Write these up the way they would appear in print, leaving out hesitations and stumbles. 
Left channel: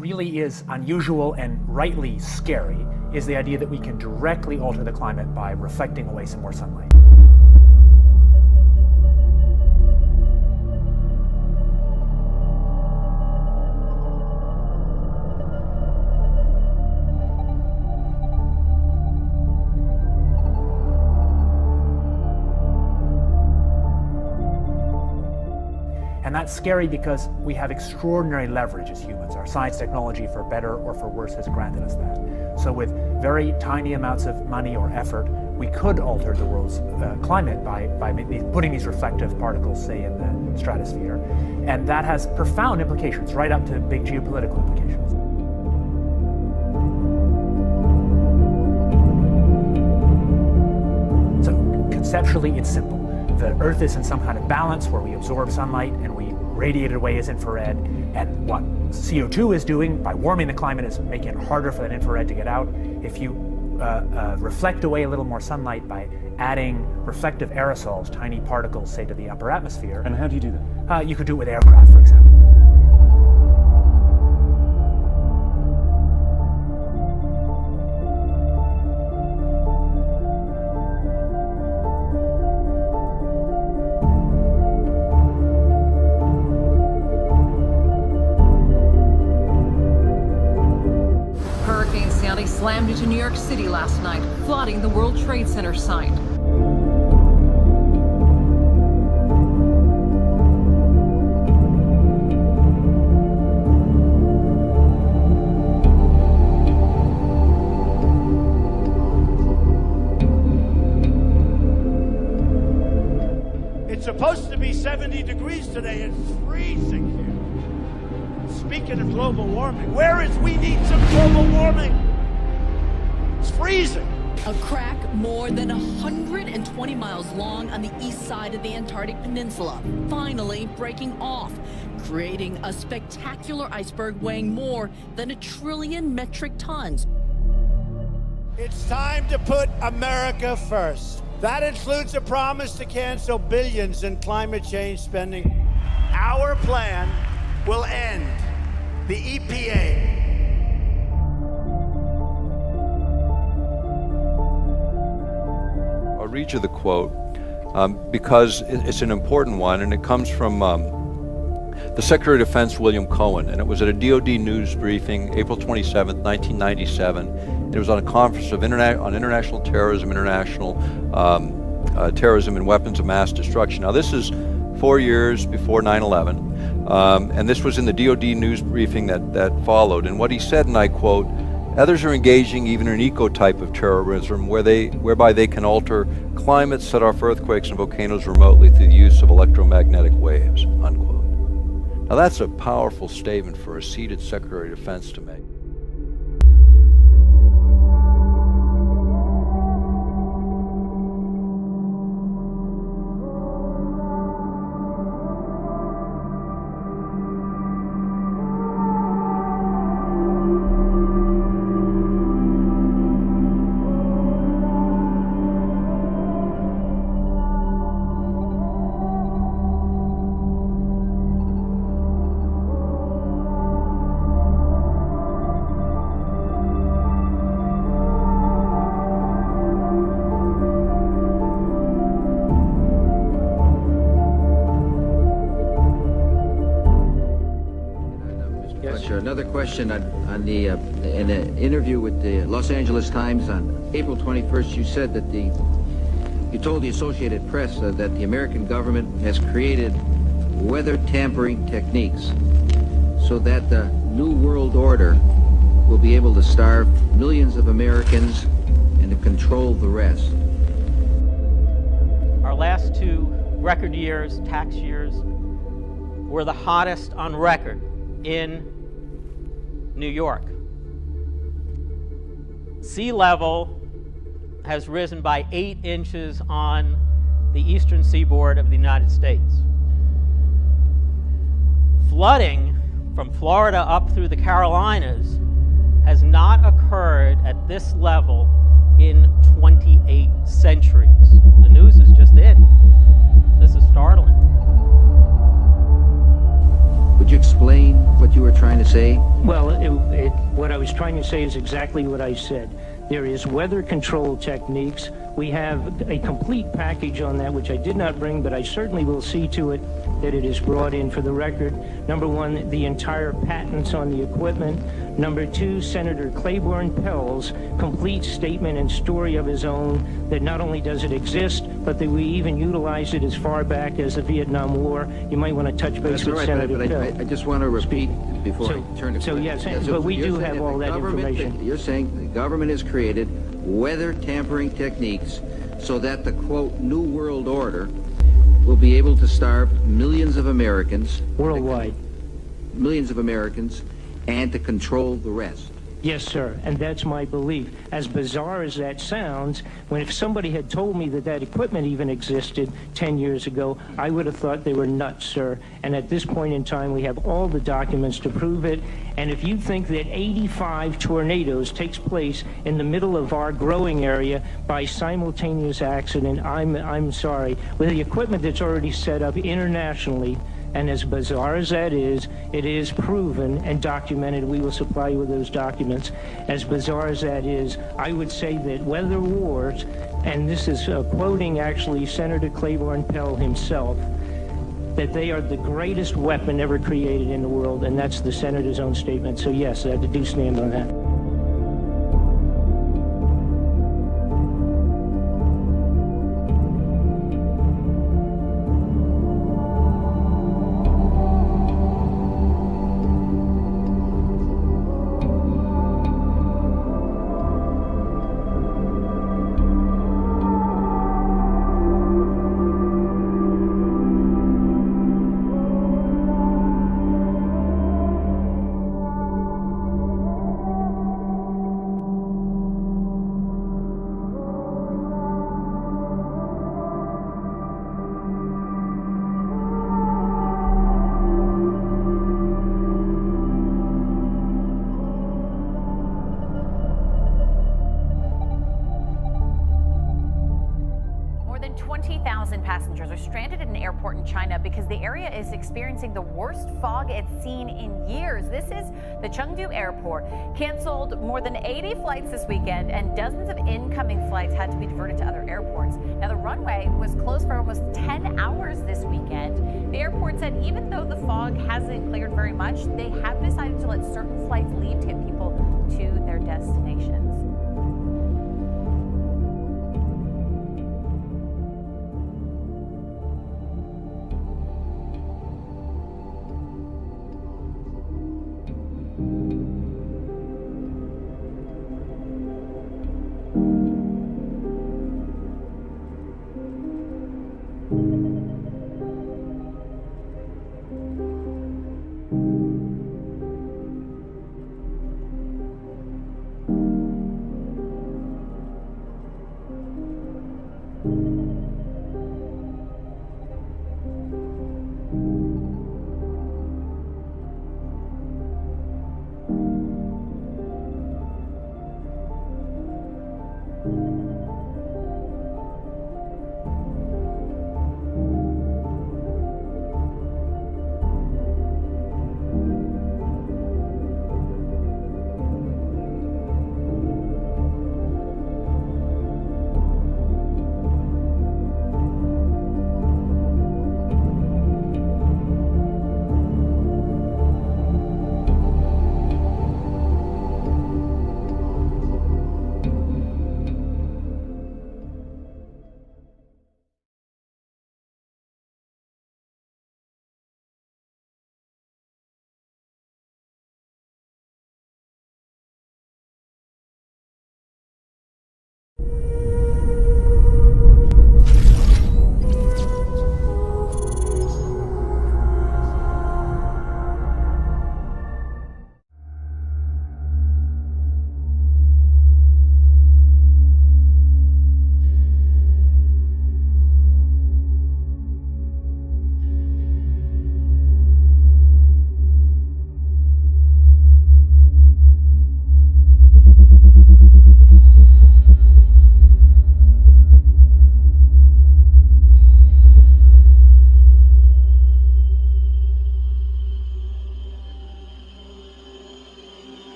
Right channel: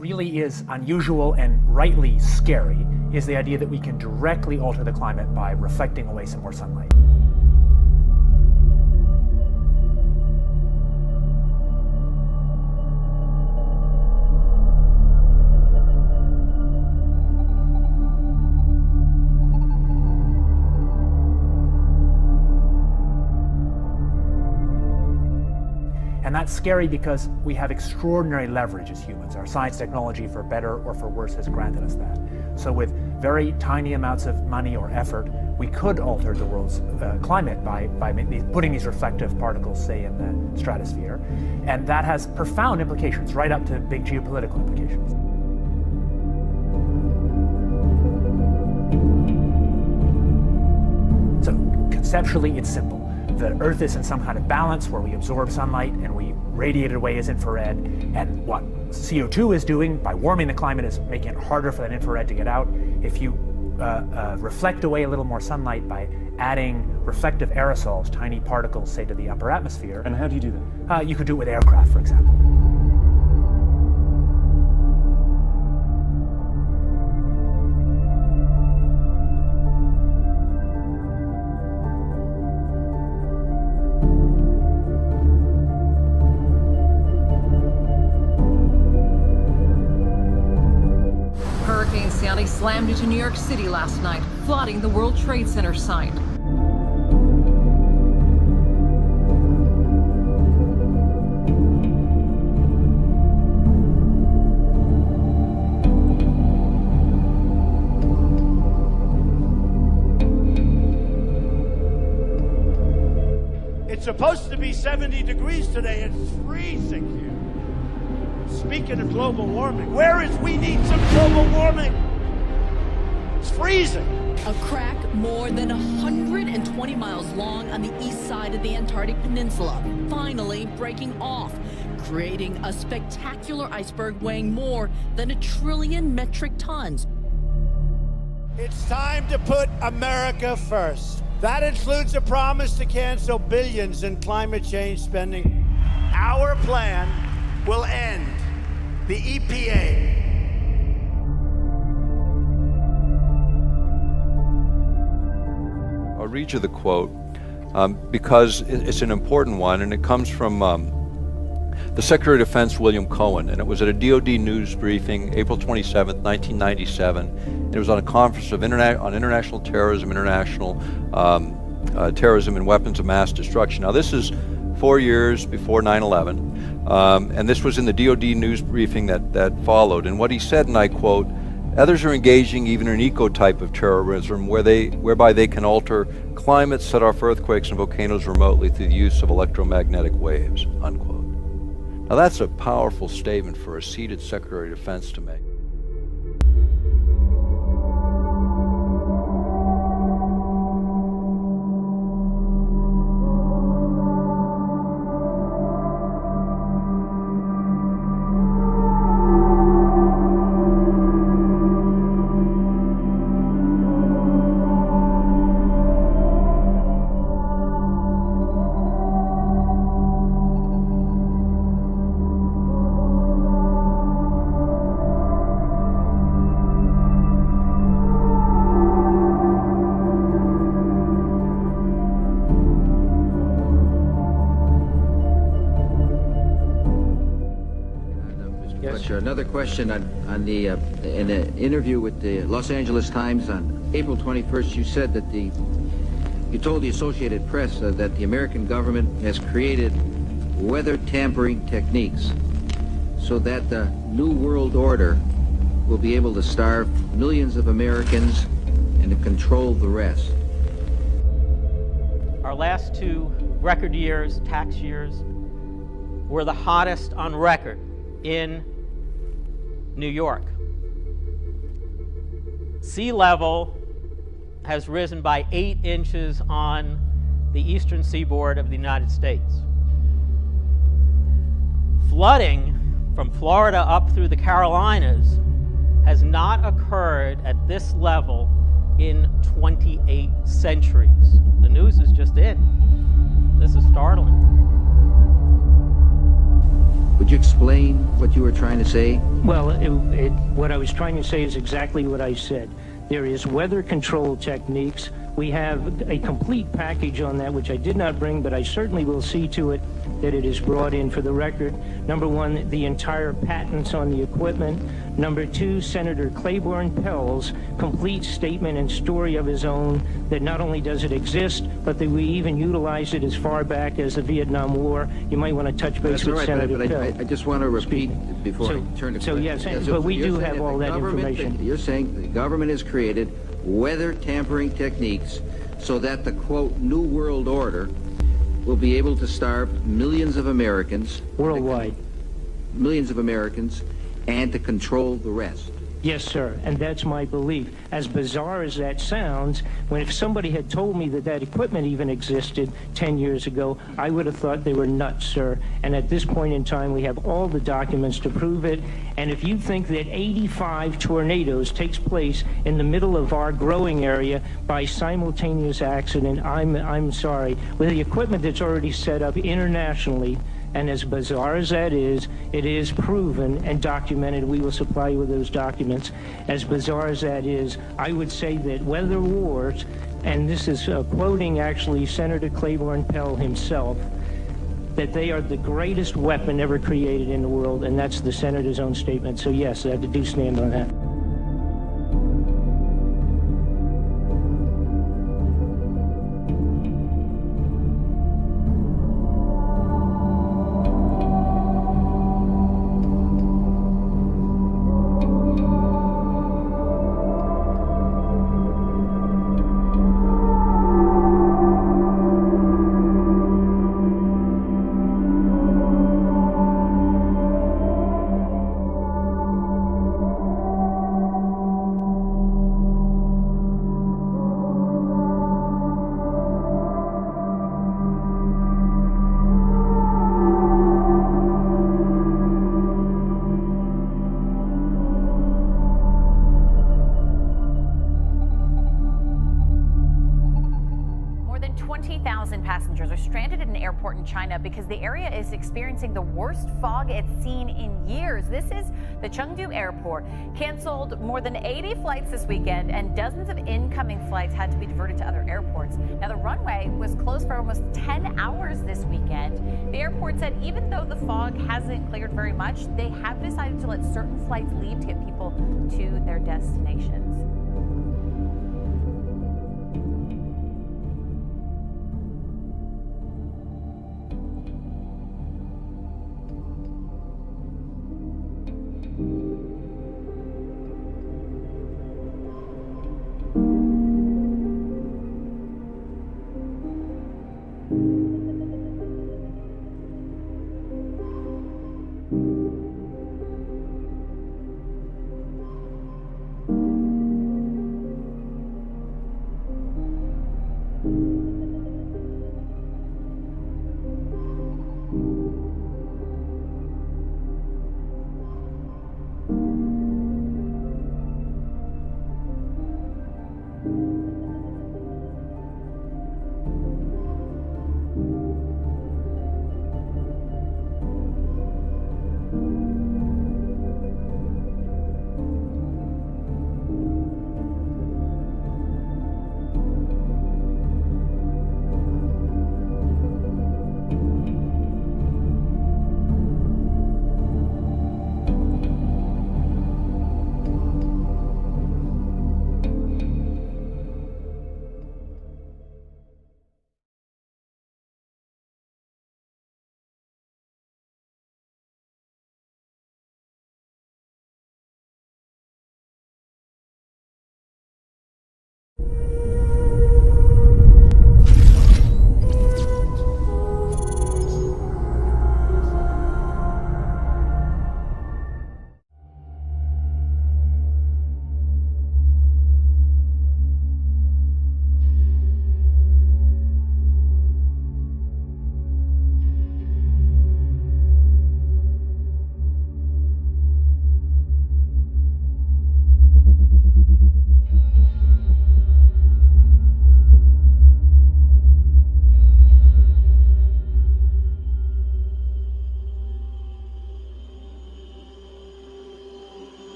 really is unusual and rightly scary is the idea that we can directly alter the climate by reflecting away some more sunlight. And that's scary because we have extraordinary leverage as humans. Our science technology, for better or for worse, has granted us that. So with very tiny amounts of money or effort, we could alter the world's climate by putting these reflective particles, say, in the stratosphere. And that has profound implications, right up to big geopolitical implications. So conceptually, it's simple. The Earth is in some kind of balance where we absorb sunlight and we radiate it away as infrared. And what CO2 is doing by warming the climate is making it harder for that infrared to get out. If you reflect away a little more sunlight by adding reflective aerosols, tiny particles, say, to the upper atmosphere. And how do you do that? You could do it with aircraft, for example. Hurricane Sandy slammed into New York City last night, flooding the World Trade Center site. It's supposed to be 70 degrees today. It's freezing here. Speaking of global warming, we need some global warming. It's freezing. A crack more than 120 miles long on the east side of the Antarctic Peninsula, finally breaking off, creating a spectacular iceberg weighing more than 1 trillion metric tons. It's time to put America first. That includes a promise to cancel billions in climate change spending. Our plan will end the EPA. I'll read you the quote because it's an important one, and it comes from the Secretary of Defense, William Cohen, and it was at a DoD news briefing, April 27th, 1997. And it was on a conference on international terrorism, terrorism and weapons of mass destruction. Now, this is 4 years before 9/11. And this was in the DoD news briefing that followed. And what he said, and I quote, "Others are engaging even in an eco-type of terrorism whereby they can alter climate, set off earthquakes and volcanoes remotely through the use of electromagnetic waves," unquote. Now that's a powerful statement for a seated Secretary of Defense to make. Another question on in an interview with the Los Angeles Times on April 21st, you said that you told the Associated Press that the American government has created weather tampering techniques so that the New World Order will be able to starve millions of Americans and to control the rest. Our last 2 record years, tax years, were the hottest on record in New York. Sea level has risen by 8 inches on the eastern seaboard of the United States. Flooding from Florida up through the Carolinas has not occurred at this level in 28 centuries. The news is just in. This is startling. Would you explain what you were trying to say? Well, what I was trying to say is exactly what I said. There is weather control techniques. We have a complete package on that, which I did not bring, but I certainly will see to it that it is brought in for the record. Number one, the entire patents on the equipment. Number two, Senator Claiborne Pell's complete statement and story of his own that not only does it exist, but that we even utilized it as far back as the Vietnam War. You might want to touch base with Senator Pell. I just want to repeat before I turn to So yes, but we do have all that information. You're saying the government has created weather tampering techniques so that the, quote, New World Order will be able to starve millions of Americans. Worldwide. Millions of Americans, and to control the rest. Yes, sir, and that's my belief. As bizarre as that sounds, if somebody had told me that that equipment even existed 10 years ago, I would have thought they were nuts, sir. And at this point in time, we have all the documents to prove it. And if you think that 85 tornadoes takes place in the middle of our growing area by simultaneous accident, I'm sorry. With the equipment that's already set up internationally, and as bizarre as that is, it is proven and documented. We will supply you with those documents. As bizarre as that is, I would say that weather wars, and this is quoting actually Senator Claiborne Pell himself, that they are the greatest weapon ever created in the world, and that's the senator's own statement. So yes, I do stand on that. More than 20,000 passengers are stranded at an airport in China because the area is experiencing the worst fog it's seen in years. This is the Chengdu airport. Canceled more than 80 flights this weekend, and dozens of incoming flights had to be diverted to other airports. Now, the runway was closed for almost 10 hours this weekend. The airport said even though the fog hasn't cleared very much, they have decided to let certain flights leave to get people to their destinations.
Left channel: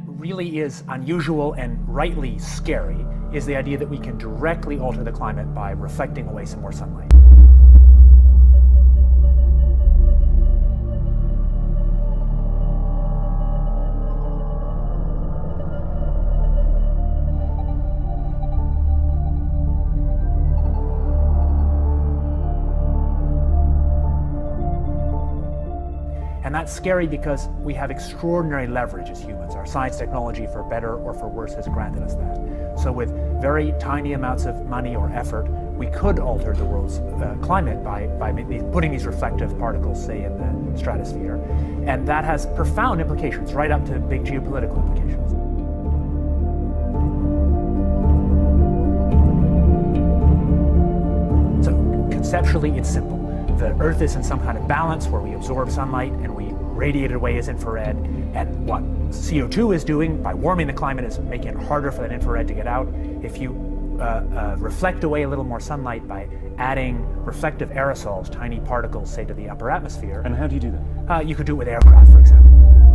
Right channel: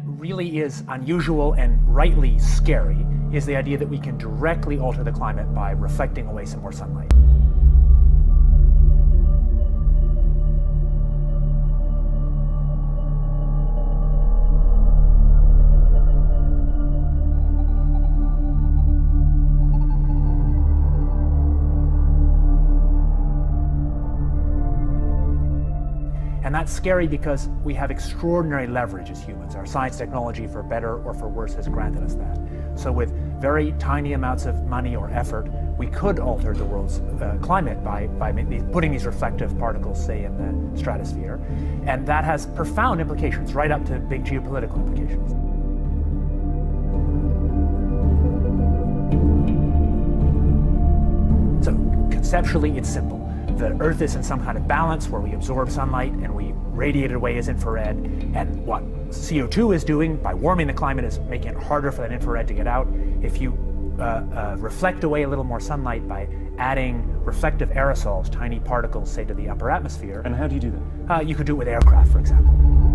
that really is unusual and rightly scary is the idea that we can directly alter the climate by reflecting away some more sunlight. And that's scary because we have extraordinary leverage as humans. Our science technology, for better or for worse, has granted us that. So with very tiny amounts of money or effort, we could alter the world's climate by putting these reflective particles, say, in the stratosphere. And that has profound implications, right up to big geopolitical implications. So conceptually, it's simple. The Earth is in some kind of balance where we absorb sunlight and we radiate it away as infrared. And what CO2 is doing by warming the climate is making it harder for that infrared to get out. If you reflect away a little more sunlight by adding reflective aerosols, tiny particles, say, to the upper atmosphere. And how do you do that? You could do it with aircraft, for example.